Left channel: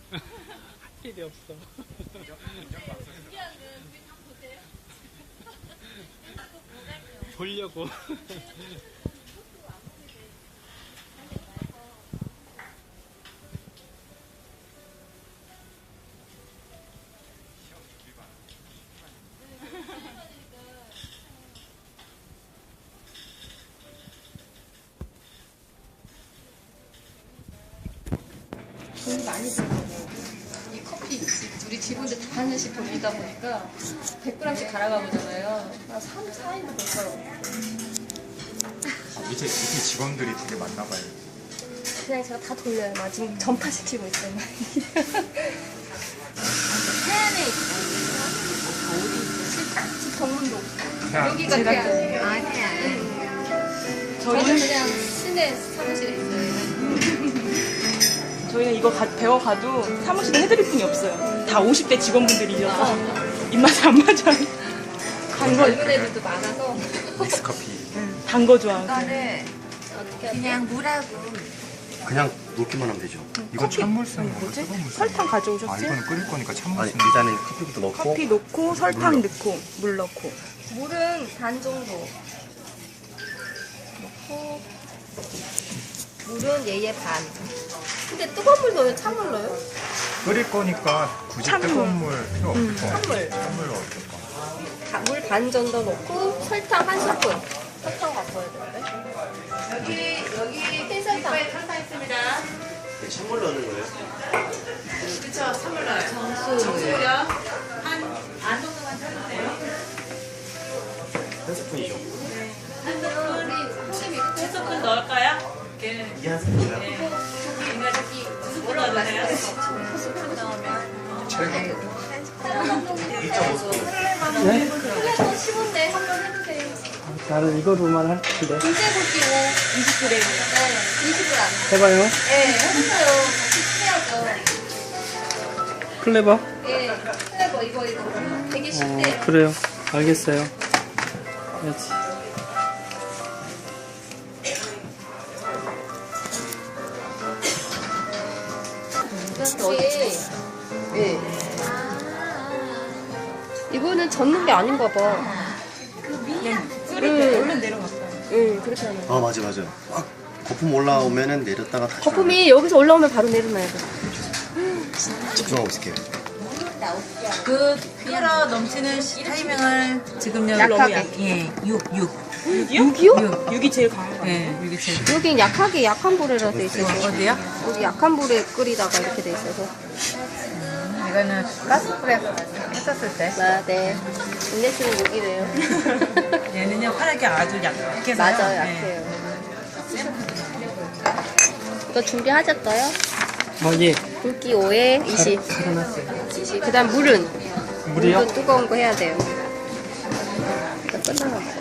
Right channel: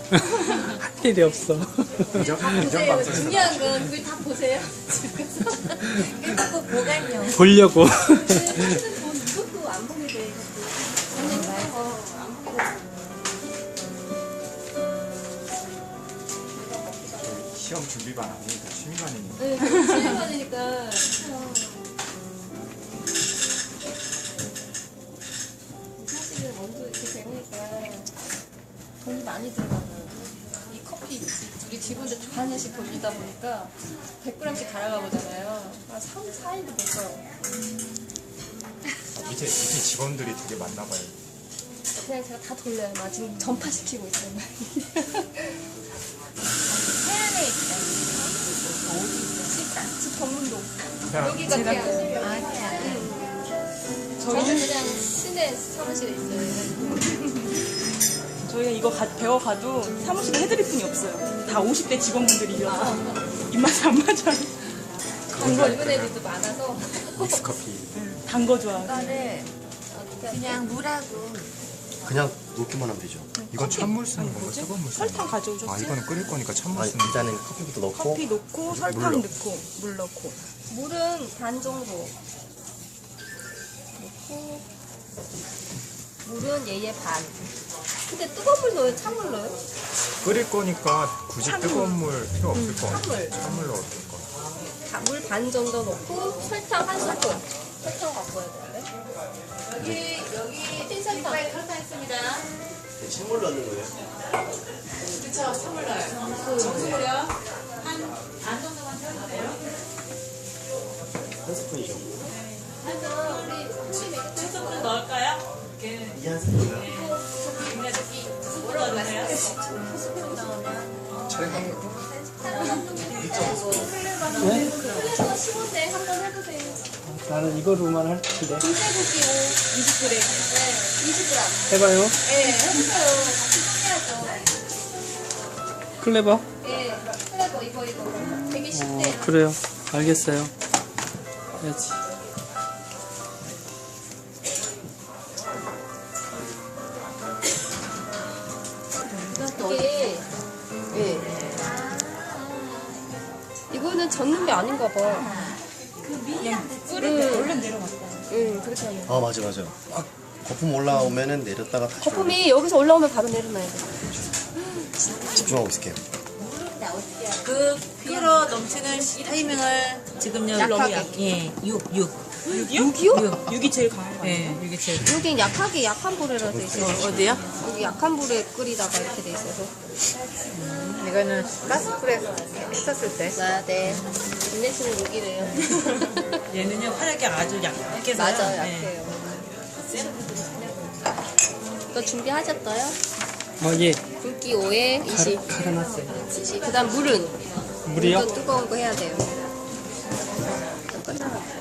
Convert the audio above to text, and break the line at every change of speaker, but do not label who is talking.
할 일이 없어.
보세요. 중요한 건 그걸 다 보세요. 집에서. 이거 보관요.
보려고.
이것도 안 보게 돼.
시험 준비반 아니니까 취미반이니까.
네, 취미반이니까. 사실은 먼저 이렇게 되니까 돈이 많이 들어가요. 이 커피 둘이 집 혼자 다 하나씩 돌리다 보니까 100g씩 갈아가 보잖아요. 한 3, 4일도 될 거예요.
밑에 직원들이 되게 많나 봐요.
그냥 제가 다 돌려요. 막 지금 전파시키고 있어요. 막. 해안에 집 정문동. 여기가 해안.
아, 해안.
저희는 그냥 시내 사무실에 있어요.
저희는 이거 배워가도 사무실에 해드릴 분이 없어요. 다 50대 직원분들이셔서 입맛이 안 맞아요.
젊은 애들도 많아서.
믹스커피.
단 거 좋아하고.
이거를
어떻게
그냥 물하고
그냥 놓기만 하면 되죠.
이건 찬물 쓰는 거예요? 뜨거운 물 쓰는
설탕
거예요?
가져오셨지?
아, 이거는 끓일 거니까 찬물
아니
쓰는 거예요?
일단은 커피부터 넣고
커피 넣고 설탕 넣고 물 넣고.
물은 반 정도 넣고 물은 얘의 반. 근데 뜨거운 물 넣어요? 찬물 넣어요?
끓일 거니까 굳이 뜨거운 물 필요 없을 거 같아요.
찬물.
찬물로 어떨까?
물 반 정도 넣고 설탕 한 스푼. 설탕 갖고 와야 되는데. 여기 흰설탕.
찬물 넣는 거예요? 한 스푼이죠.
우리
스푼 넣을까요?
이게 한 스푼이요?
네?
플레버 15대 한번 해보세요.
나는 이거로만 할 텐데.
군대고기
20g.
네, 20g.
해봐요.
네, 해보세요. 같이 해야죠.
클레버.
네, 플레버 이거 되게 쉽대.
그래요. 알겠어요. 해야지.
이게 네. 이거는 젓는 게 아닌가 봐.
끓일 때 얼른 내려갔어요.
응, 그렇게 하면.
아 맞아. 막 거품 올라오면은 내렸다가 다시
거품이 여기서 올라오면 바로 내려놔야 돼.
집중하고 있을게요.
그 피로 넘치는 타이밍을 지금 여기
약하게.
너무 약해. 6.
6이요? 6이 제일 강한 거 아니에요?
네, 이게 제일.
여긴 약하게 약한 불에라 돼 있어요.
어디요?
여기 약한 불에 끓이다가 이렇게 돼 있어서.
이거는 가스불에 했었을 때
아, 네. 인내심은 여기래요.
얘는요, 화력이 아주 약해서요.
맞아요,
네.
약해요. 이거 준비하셨어요?
예.
굵기 5에 20.
갈아놨어요.
20. 그 다음 물은?
물이요?
물도 뜨거운 거 해야 돼요. 끝나고.